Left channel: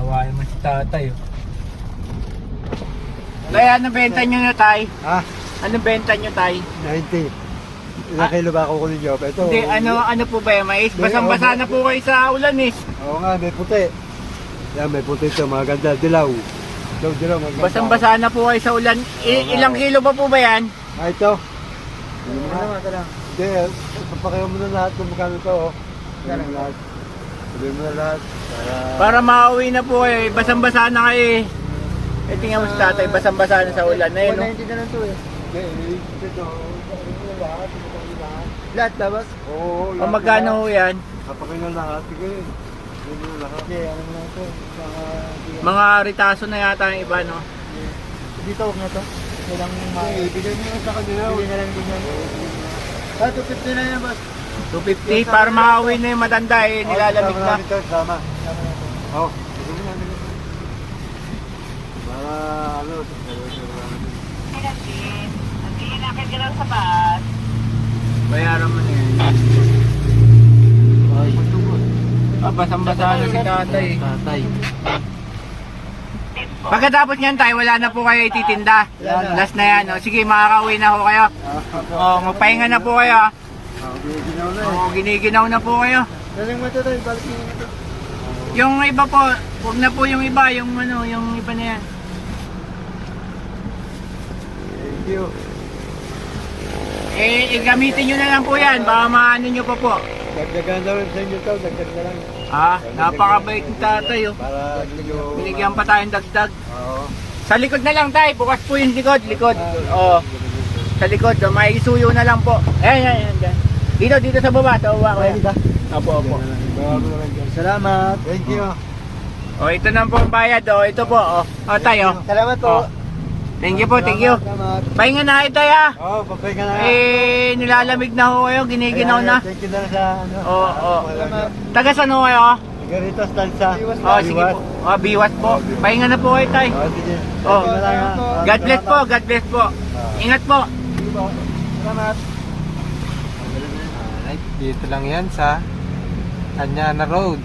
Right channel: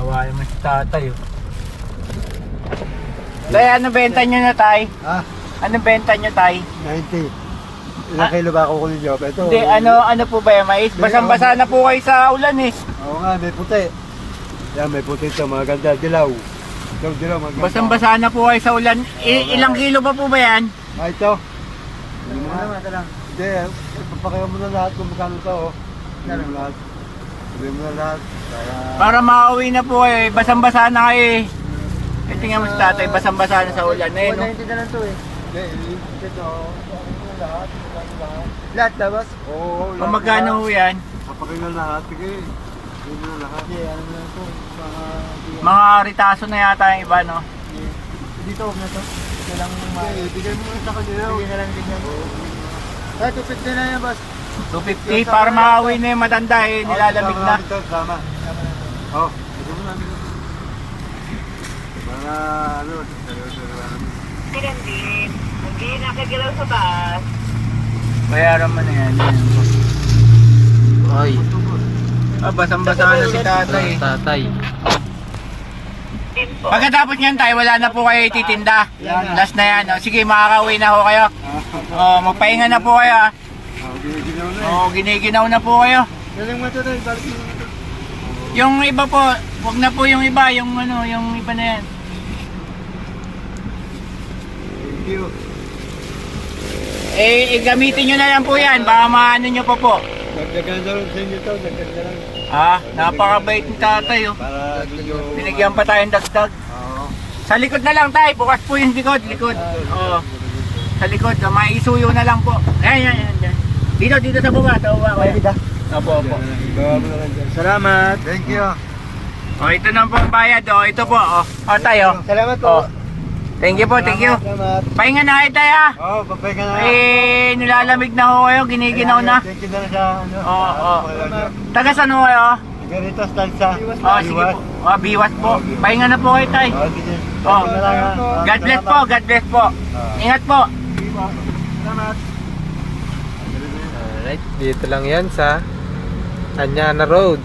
Kawawa naman si tatay. Oh. Tay, ano benta nyo na, tay? Ha? Anong benta nyo, tay? 90. Ilang kilo ba ako kunin nyo? Ito. Hindi, ano po ba yung mais? Basang-basa na po kayo sa ulan eh. Oo nga, may puti. Yan, may puti ito. Maganda. Dilaw. Dilaw, maganda. Basang-basa na po kayo sa ulan. Ilang kilo ba po ba yan? Ito. Hindi mo na. Hindi, papakayo mo na lahat kung magkano ito. Hindi mo lahat. Hindi mo na lahat. Para makauwi na po kayo. Basang-basa na kayo eh. Tingnan mo si tatay, basang-basa na sa ulan na yun. 190 na lang to eh. Hindi, ito. Lahat. Lahat labas? Oo. O magkano ho yan? Kapakayo na lahat. Sige. Hindi mo na lahat. Okay, ano mo lang to. Mga ritaso na yata yung iba, no? Dito, huwag na to. Ito lang yung Ibigay mo na sa kanila. Hindi na lang din yan. Kahit 250 na yan, boss. 250 para makauwi na yung matanda eh, nilalamig na. Sama. Oo. Ito mo na. Para ano, Hindi nakikilaw sa bus. Bayaran mo na yan. Ay. Basang-basa na si tatay. Tatay. Pagkatapos niyan tayo, wala na po kayo ititinda. Last na yan. O, sige, makakauwi na ho kayo. O, magpahinga na po kayo. giniginaw na O, giniginaw na po kayo. Galing mo ito rin, balik mo na ito. Yung iba po, wag na po yung iba, yung ano, yung iba na yan. Thank you. Gamitin nyo na lang po yan, baka maano nyo pa po. Dagdagan daw sa inyo ito, dagdagan lang. Napakabait ng tatay, oh. Para medyo... Binigyan pa tayong dagdag. Oo. Sa likod na lang tayo, bukas po yung likod. Oo. Sa likod, maisuyo na lang po. Ayan. Dito sa baba, sa baba. Opo. Gawa mo na lang dyan. Salamat. Thank you. O, ito na po ang bayad, oh. Ito po, oh. O, tayo. Salamat po. Thank you po, thank you. Salamat. Pahinga na kayo tayo, ah. Oo, papay ka na. Nilalamig na ho kayo, giniginaw na. Thank you na sa ano. Oo. Taga saan ho kayo? Garita Stanza. Sige po. Biwas po. Pahinga na po kayo, tay. Sige. Oh. Sige na lang, ha. God bless po, God bless po. Ingat po. Sige po. Salamat. Alright, dito lang yan sa Anyana Road.